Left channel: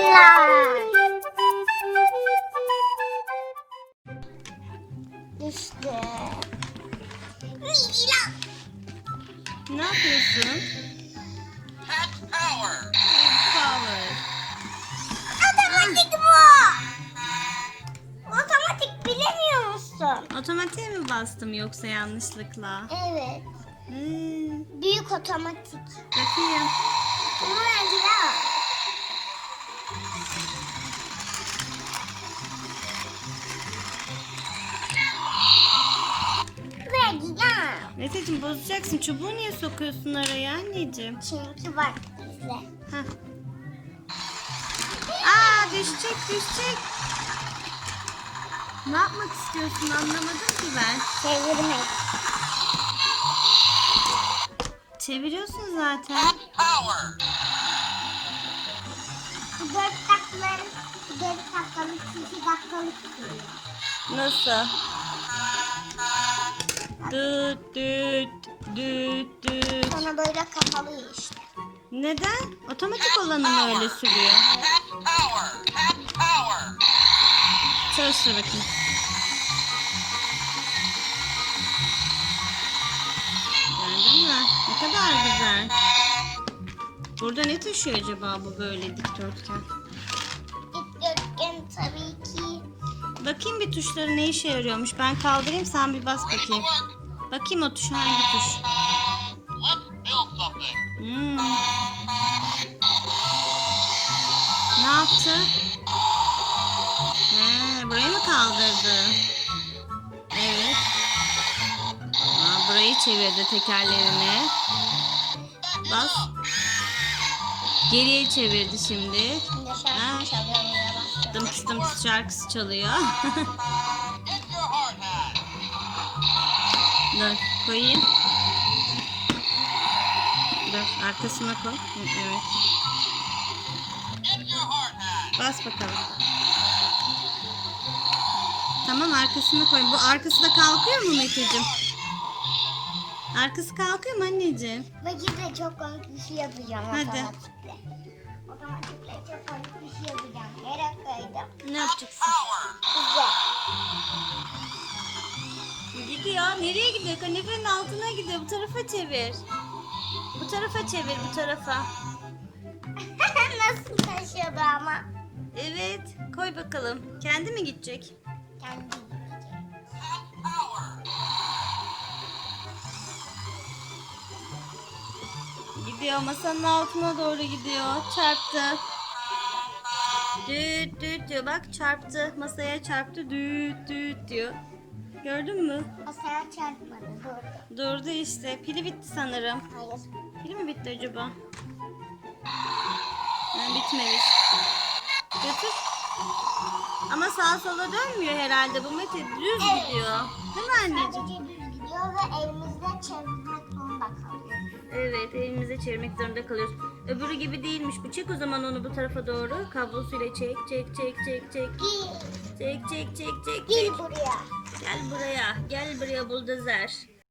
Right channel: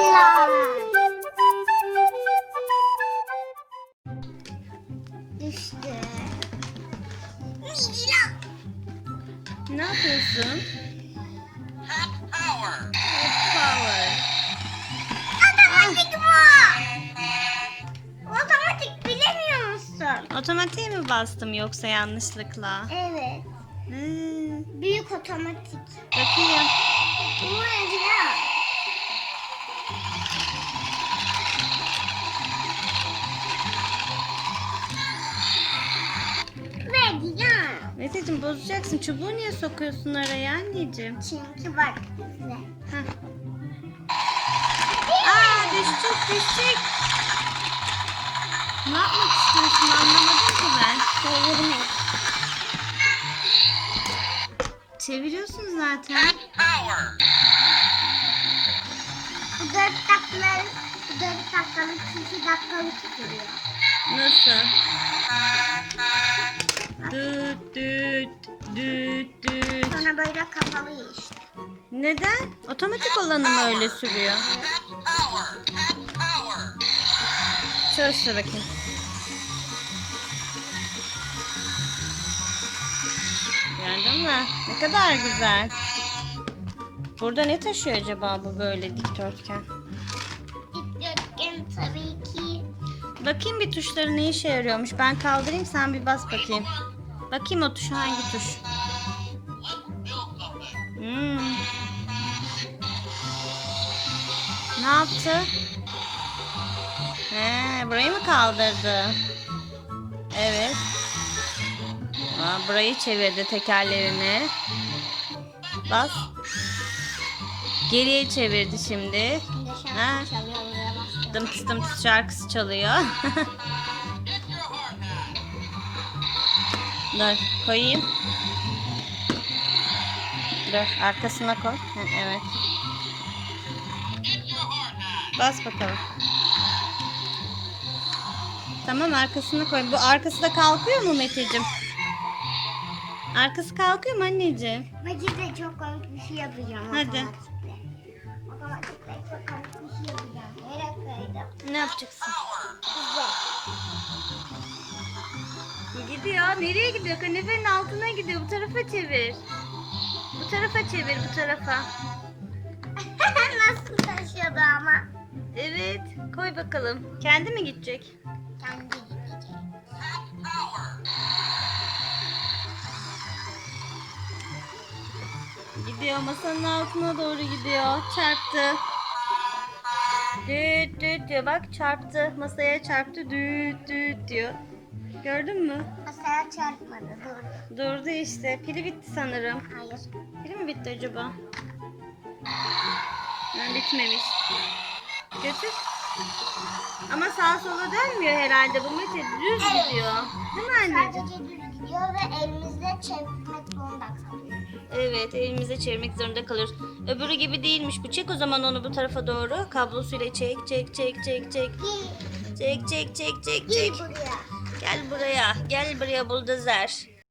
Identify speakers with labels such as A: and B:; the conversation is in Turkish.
A: Bilgiler. İşte. Bilgiler.
B: Ne yapıyorsun?
C: Hot power.
B: Hot power.
A: Otomatik bu. Otomatik bilemiyor musun?
B: Otomatiğe mi bastım yoksa yanlışlıkla?
A: Evet. Büyük otomatik.
B: Bakayım.
A: Bilgiler. Bilgiler.
B: Meteciğim bozacaksın. Çubuğu niye sokuyorsun araya anneciğim?
A: Çünkü bak izle.
B: Heh. Aa düşecek. Ne yapmak istiyorsun anlamadım ki ben.
A: Çevirmek.
B: Çeviriyorsun zaten.
C: Hot power.
A: Bu 4 dakikalık 2 dakikalık sürüyor.
B: Nasıl? Düt düt düt düt.
A: Sonra böyle kapalı işte.
B: Neden? Otomatik olanı mı öyle sürüyor?
C: Hot power. Hot power.
B: Çalıştır bakayım. Gördün mü? Ne kadar güzel. Burada ne taşıyor acaba bu böyle dikdörtgen?
A: Dikdörtgen tabii ki.
B: Bakayım bir tuşları ne işe yarıyormuş. Ben kaldırayım sen bir bas bakayım. Bakayım o tuş hangi tuş?
C: Let's build something.
B: Ne yaptı? Burayı mı kaldırdı? Evet. Burayı çevirdi tekerlerini. Bas. Geriye çevirdi şimdi.
A: Şimdi
B: Ha.
A: şarkı çalıyor başladı.
B: Dım dım şarkısı çalıyor.
C: Get your heart high.
B: Dur koyayım. Dur arkasına koy. Evet.
C: Get your heart high.
B: Bas bakalım. Tamam arkasına koy. Bu arkası da kalkıyor mu Meteciğim? Arkası kalkıyor mu anneciğim?
A: Bugün de çok komik bir şey yapacağım.
B: Hadi.
A: Otomatikle. Otomatikle çok komik bir şey yapacağım. Yere koydum.
B: Ne yapacaksın?
A: Güzel.
B: Gidiyor. Nereye gidiyor? Kanepenin altına gidiyor. Bu tarafa çevir. Bu tarafa çevir. Bu tarafa.
A: Nasıl taşıyordu ama?
B: Evet. Koy bakalım. Kendi mi gidecek?
A: Kendi gidecek.
C: Power.
B: Gidiyor. Masanın altına doğru gidiyor. Çarptı. Düt düt diyor. Bak çarptı. Masaya çarptı. Düt düt diyor. Gördün mü?
A: Masaya çarpmadı. Dur.
B: Durdu işte. Pili bitti sanırım.
A: Hayır.
B: Pili mi bitti acaba? Bitmemiş. Götür. Ama sağa sola dönmüyor herhalde. Bu Mete düz
A: Evet.
B: gidiyor. Değil mi anneciğim?
A: Sadece düz gidiyor ve elimizle çevirmek zorunda kalıyoruz.
B: Evet, elimize çevirmek zorunda kalıyoruz. Öbürü gibi değilmiş bu. Çek o zaman onu bu tarafa doğru. Kablosuyla çek. Çek.
A: Gel,
B: Çek.
A: gel buraya.
B: Gel buraya. Gel buraya buldozer.